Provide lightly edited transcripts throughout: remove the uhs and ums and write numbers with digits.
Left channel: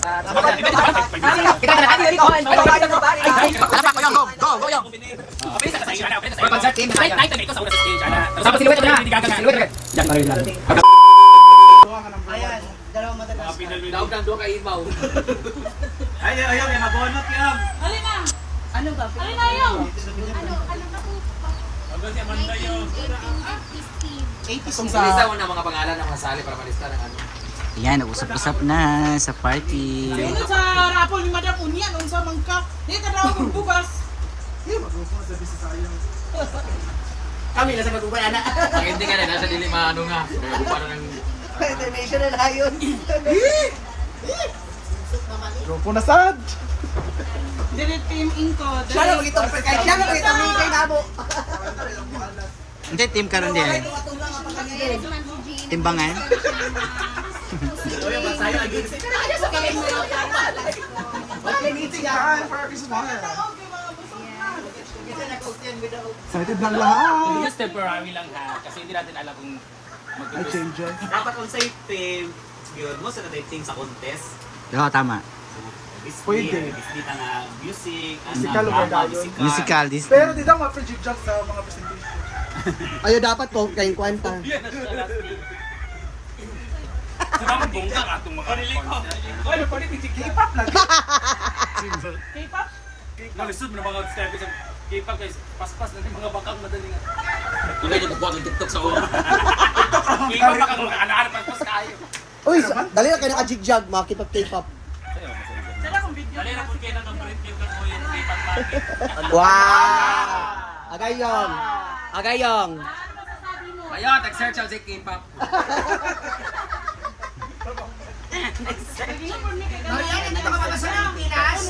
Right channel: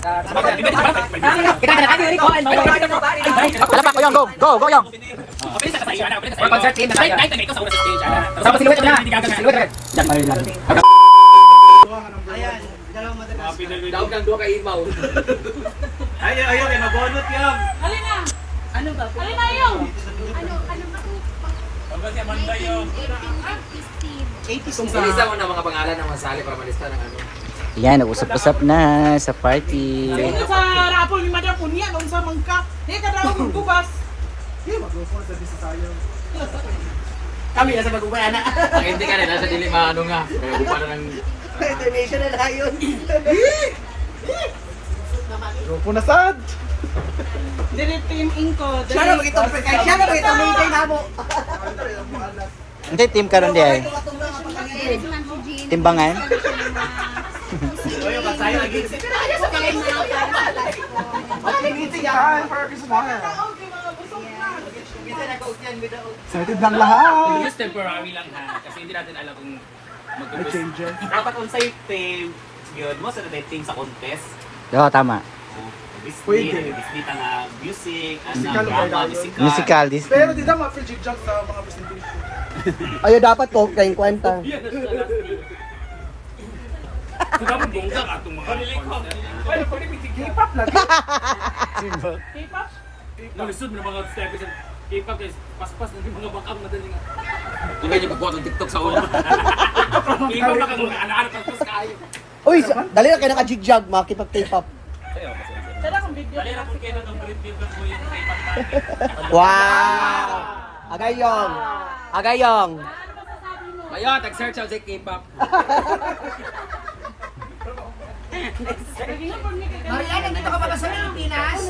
Kita ka na kami ko. Alapak ko yung go. Go yung. Concert team. Night ko sa una sa stage ana. Tapos siluwet na. Siluwet. Diyan pa rin lang. Ayan, dalawang matagas. Daog ng duha ka imaw. Ayaw, may mabonot yan. Ano ba? Ano ba ito? 80s Ilista mo na mga pangalan ng masali para malista ng ano. Yan, nag-usap-usap na sa party. Ito sa rapol ni Madam Unya, nung sa mangka. Hindi ka daw magtubas. Kami na sa magubay anak. Ang hindi ka rin, nasa dilima ano nga. Kaya bupa na ng... International na yun. Grupo na sad. Direct team inko. Siya na magitong prekay. Siya na magitong prekay na mo. Hindi, team karon di ay. Timbangan. Excited lang lahat. Just temporary lang ha. Kasi hindi natin alam kung May changes. Dapat kung sa'yo team, yun mo sa team sa contest. Oo, tama. Pwede. Bisita na music, Musical drama, ba? Musical this. Pero di daw ma-project sa mga presentation. Ayo dapat ko kayong kwenta. So dapat bongga ka itong mga K-pop lang. Nalisod mo ng mga step sa K-pop guys, paspas na yung mga bangkang madali nga. Hindi niyo magbuhat ng TikTok sa una. K-pop na ka mga anak-anak paspas kayo. Uy, dali na kayo naka-jigjag, makikipag K-pop. Sana kung video. Dali na po kayo ng Brit People po yung K-pop. Wow! Agayong! Agayong! Ayun, tag-search ako sa K-pop. Mariana, dito ka pa sa Pilipinas?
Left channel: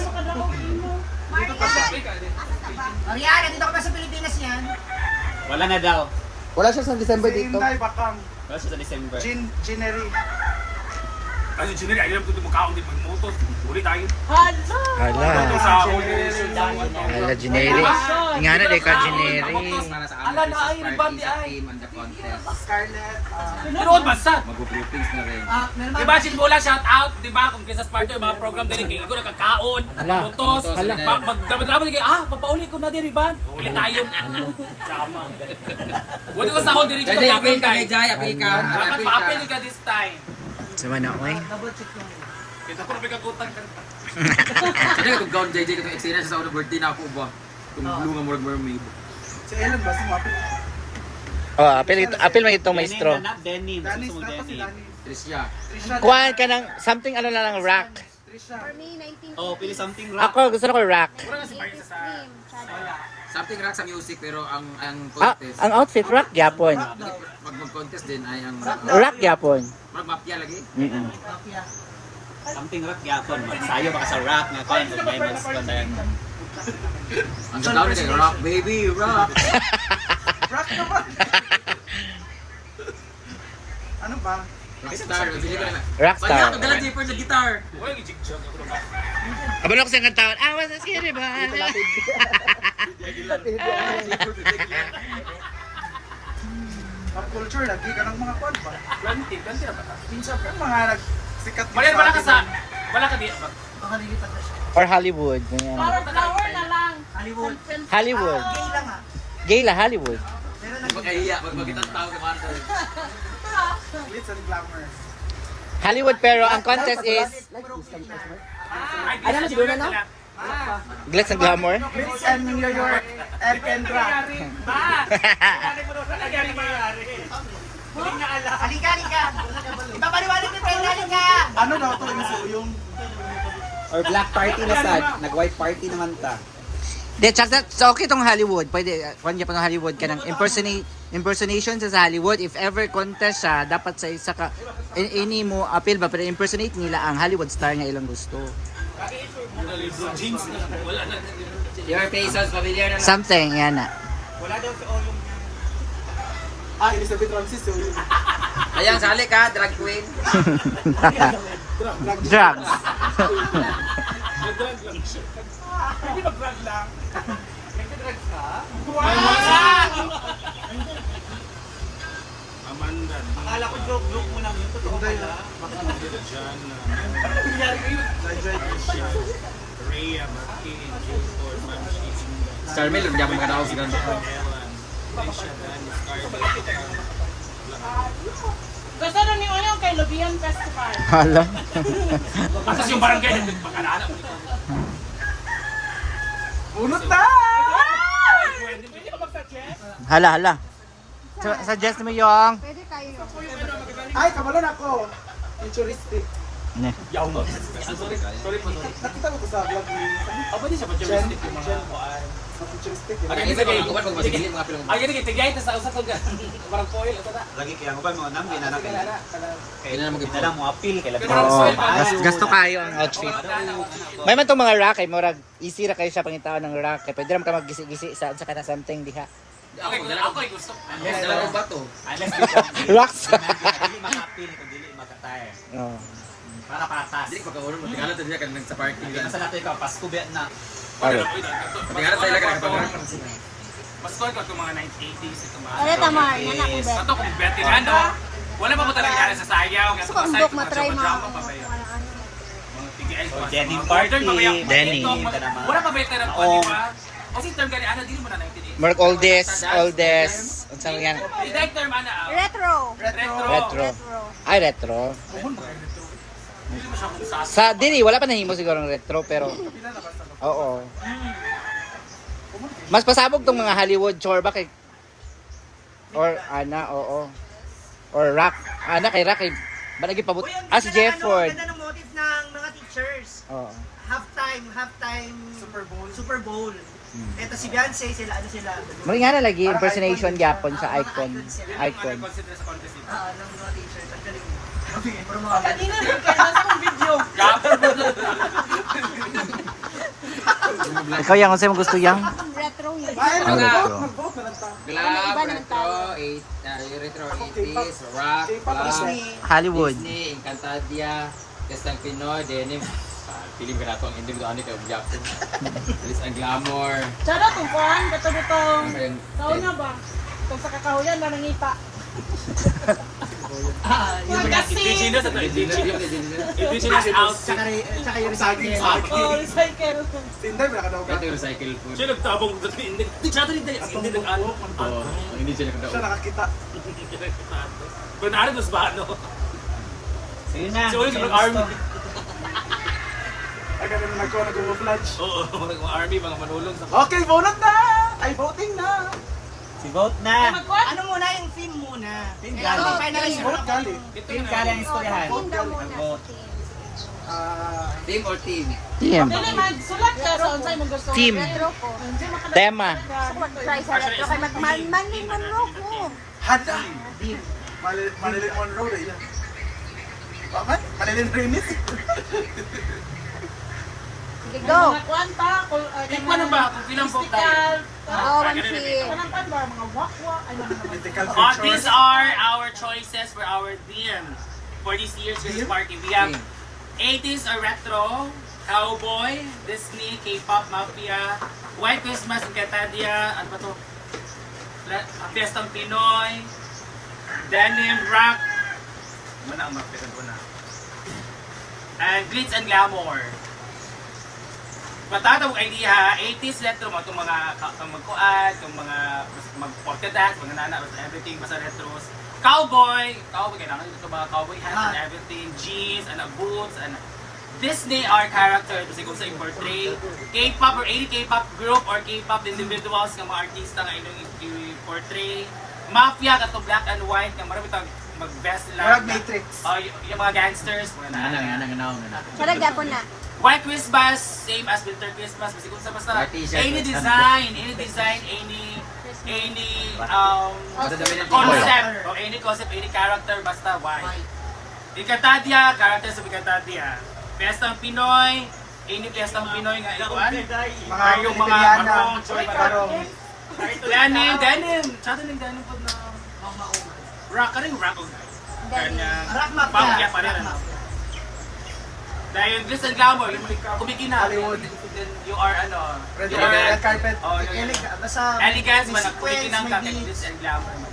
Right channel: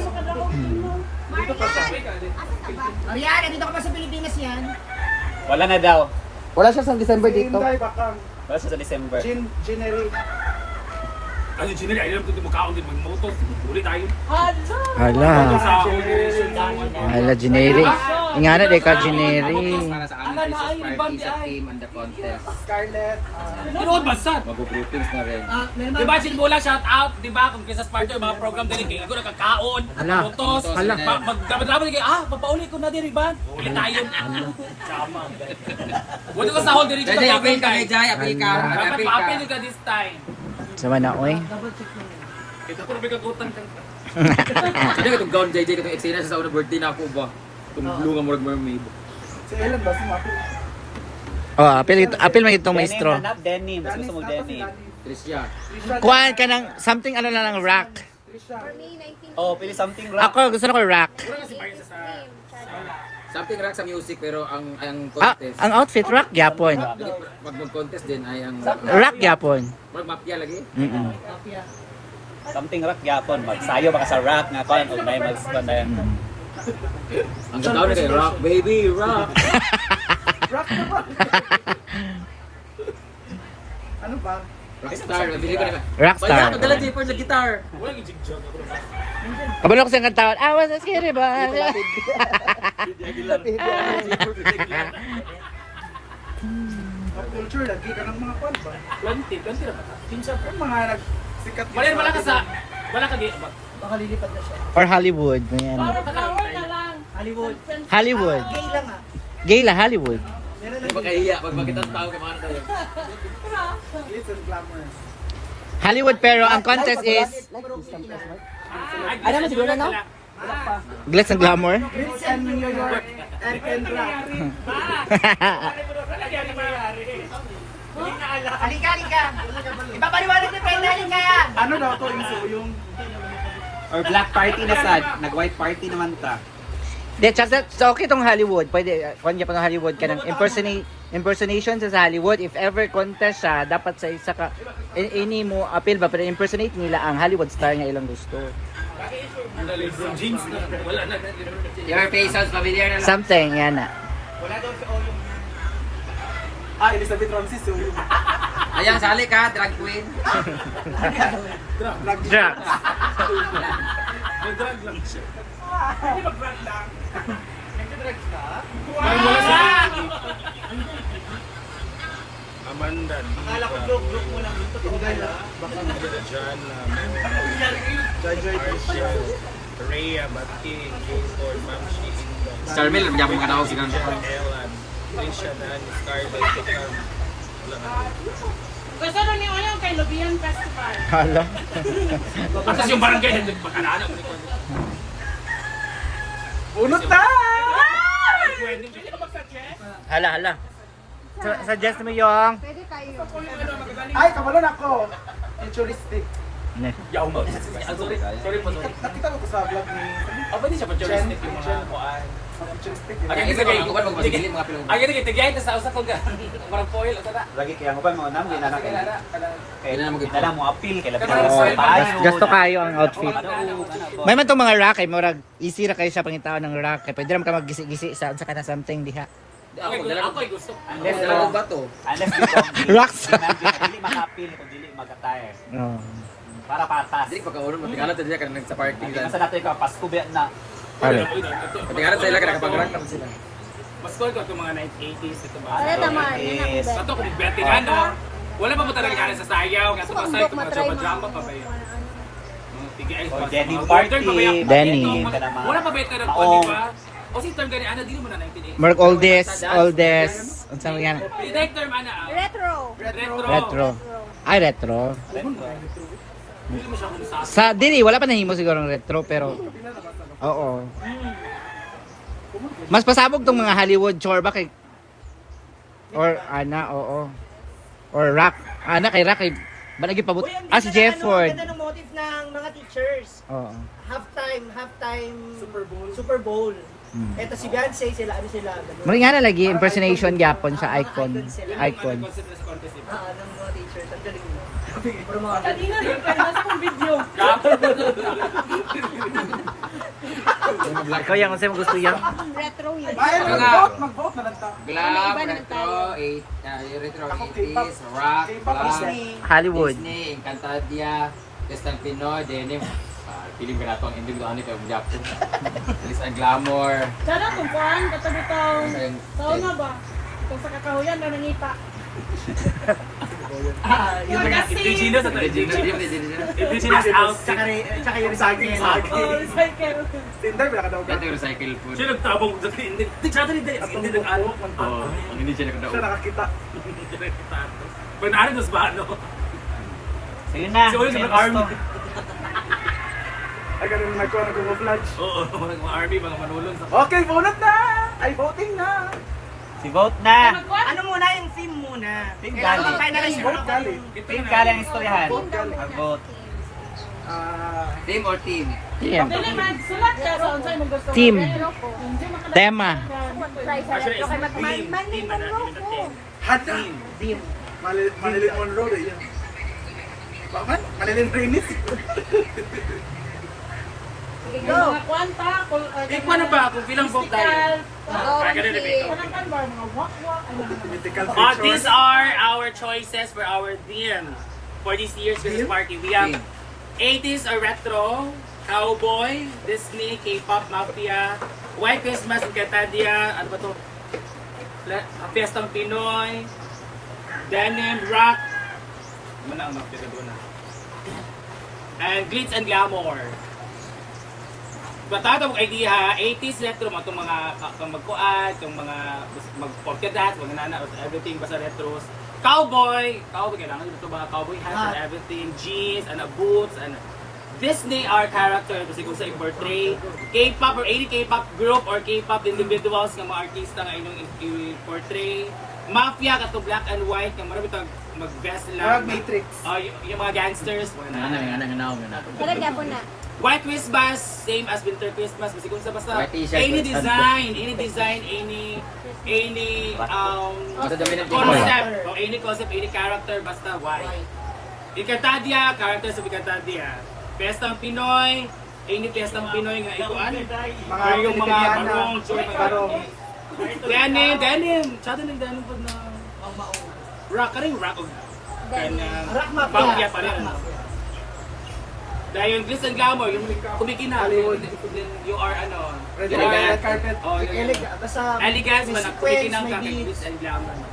Mariana, dito ka pa sa Pilipinas yan? Wala na daw. Wala siya sa December dito. Inday bakang. Wala siya sa December. Generate. Ano, Gineri, ayaw ko mukhaon din mag-motor. Uli tayo. Hala. Sa Hala, Juneri. Nga na, ka Juneri. Para sa aming Christmas party sa team and the contest. Scarlett. Tinuod ba sad? Mag-groupings na rin. Diba, Sinbula, shout out, diba, kung Christmas party, mga program din, kaya ko nakakaon, putos, magdabat-dabat, papauli ko na din, Iban. Uli tayo. Sama. Wala ko sa hold din, Jay, appeal ka kay Jay, appeal ka. dapat pa-appeal ka this time. Sama na, oy. Kita ko na may kagutan ka. Kasi itong gown JJ, itong eksena sa unang birthday na ako ba? Itong blue nga murag mermaid. Si Ellen ba? Sumapit. Oh, apil may itong maestro. Denim, gusto mo denim. Tricia. Kuhaan ka ng something ano na lang rock. For me, 19. Oh, pili something rock. Ako, gusto na ko rock. Something rock sa music pero ang Ah, contest. ang outfit rock yapon. Pag mag-contest din ay ang Rock yapon. Murag mafia lagi. Something rock yapon. Magsayo baka sa rock nga pa. May mag-score na yan. Ang ganda na kay rock baby rock. Rock na ba? Ano ba? Rockstar, sige ka na. Rockstar. Bayan, nagdala Jayper sa guitar. Abalo ko sa kantaon. I was a skinny boy. Pop culture, lagi ka ng mga kwan ba? Planti na pata. Kinsa po. Mga nagsikat. Marian, wala ka sa... Wala ka di... Baka lilipad na siya. For Hollywood. Yan. Hollywood. Hollywood. Gay lang ah. Gay lang, Hollywood. Meron Hindi lang ba kahiya pag makita ng tao kay Marta. Glitz and glamour. Hollywood pero ang contest is Ay, ano siguro na? Glitz and Glamour. Glitz and New York and Rock. Halika, halika. Ipapaliwanag ni Brenda, halika. Ano daw to yung Or black party na sad, nag-white party naman ta. De, so okay tong Hollywood. Pwede, kung pa ng Hollywood ka ng impersonation sa Hollywood. If ever contest siya, dapat sa isa ka, ini mo appeal ba, pero impersonate nila ang Hollywood star nga ilang gusto. Your face sounds familiar na lang. Something, yan na. Elizabeth Francis yung Ayan, sali ka, drag queen. Drugs. Amanda. Akala ko joke mo lang. Ito totoo pala. Jana. Jai Marcia. Rhea. Baki. Jayford. Ma'am Shizinda. Starmil, magyapon mga tao siguro. Ellen. Trisha. Dan. Scarlett. Gusto rin niyo ngayon kay Lubian Festival. Hala. Asas yung barangay. Pagkanaan mo nito. Unot na! Hala. Suggest mo yung... Pwede tayo. Ay, kabalon ako. Futuristic. Ne. Sorry po. Nakita ko to sa vlog mo yung Aba di siya pa journalistic yung mga futuristic. Ang hindi kay bukan mo sigilid mga film. Ang hindi tigay ta sa usa tong parang foil o ta. Lagi kaya ko ba mo namo ginana kay. Kaya na mo appeal kay Oo, gasto kayo ang outfit. May man tong mga rack ay murag easy ra kayo sa pangitaon ng rack. Kay pwede ram ka maggisi-gisi sa kana something diha. Ako ay gusto. Dala ko ba to? Unless dito. Rocks. Dili maka-appeal kung dili magka-tire. Para patas. Dili pagkaunon mo tingala ta diya kan sa party Hindi lang. sa natin ka Pasko ba na. Pwede na po ito. Tingala sa ila kan kapag sila. Mas cool ko itong mga 1980s ito mga. Kaya tamar, nanak ko Ato kung veterano, wala pa po talaga nila sa sayaw, kasi pa sa ito mga drama pa ba yun? Mga tigay pa. Denny Mga modern pa ba yan? Denny. Ito, wala pa veteran po, di ba? O si term gani, ano, di mo na 1980s. Mark oldest. Ang saan yan? Direct term, ano, Retro. retro. Retro. Ay, retro. Hindi mo siya kung sa Sa dili wala pa nahimo siguro ng retro pero oo. Mas pasabog tong mga Hollywood chorba kay or ana oo. Or rock. Ana kay rock kay balagi pabot. Uy, ang As ganda ng Jefford. ganda ng motive ng mga teachers. Oo. Halftime Super Bowl. Eto si Beyonce, sila ano sila, ganun. Muli nga na lagi impersonation gyapon sa Mga icon. icon sila. Yun yung ano, Icon. concept nila sa contest ito. Ng mga teachers, ang galing mo. Pero mga Kanina rin, kaya nasa mong video. Gapon. Ikaw yang unsa mo gusto yang? Retro yun. Ay, mag-vote na lang ta. Para may iba naman tayo. Retro 80s, rock, Disney. Hollywood. Disney, Encantadia, Testang Pinoy, Denim. Pilim ka na ito ang hindi mo ano ito, ang Japon. Bilis ang glamour. Tsada kung paan, katulitong. Sayang. Sauna ba? Kung sa kakahuyan, nanangita. Yung indigenous ito, indigenous. Indigenous out. Tsaka yung recycling. Oh, recycle. Tinday, wala ka daw Ito yung recycle food. Siya nagtabong sa hindi. Tsada rin tayo. Hindi nag-ano. Oo, hindi siya Siya nagdaog. nakakita. Banari mas ba ano? Sige na. Si Oli sa army. Ay, ganun nagkuha na gumuflash. Oo, mga army, mga manulong sa... Okay, vote na! Ay, voting na! Si vote na. Ano muna yung theme muna? Theme Kailangan gali. ma-finalize Vote gali. Team ka lang istoryahan. Vote gali. Vote. Team or team? Team. Dili man, sulat ka sa unsay mo gusto. Team. Retro ko. Tema. Try sa Actually, retro. Mali mo ko. Hada! Marilyn Monroe eh. Yan. Bakit? Marilyn Remis. Go. Mga kwanta, Ikaw na ba? Kung bilang vote tayo. Okay. Kwanta ba, mga wakwa, ano mga Political These are our choices for our theme for this year's Christmas party. We have 80s or retro, cowboy, Disney, K-pop, mafia, white Christmas, Encantadia, ano ba to? Fiestang Pinoy, denim, rock, mana ang mafia doon na. And glitz and glamour. Matatawag idea ha, 80s retro mo itong mga magkuad, itong mga mag-polka dance, mga nana, everything basta retros. Cowboy, kailangan dito ba cowboy hats and everything, jeans, boots, Disney are character kasi kung sa i-portray, K-pop or any K-pop group or K-pop individuals ng mga artista nga inyong i-portray. Mafia kato black and white nga marami tang mag-vest lang. Parang Matrix. Yung mga gangsters, mga nana. Malagyan ko na. White Christmas, same as Winter Christmas. Kasi kung sa basta, White t-shirt, any white design, concept, any character, basta white. Encantadia, character sa Encantadia. Pestang Pinoy, any Pestang Pinoy nga ikuan. Mga Yung mga barong, Barong. denim. Tsada ng denim po na rock, ka rin rock. Kanya, Rock mafia. mafia pa rin. Dahil yung glitz and glamour, yung kumikina, Hollywood. you are Red you are- carpet. Oh, yung Basta elegance man, ang sequence, kumikinang ka may kay beats. glitz and glamour man.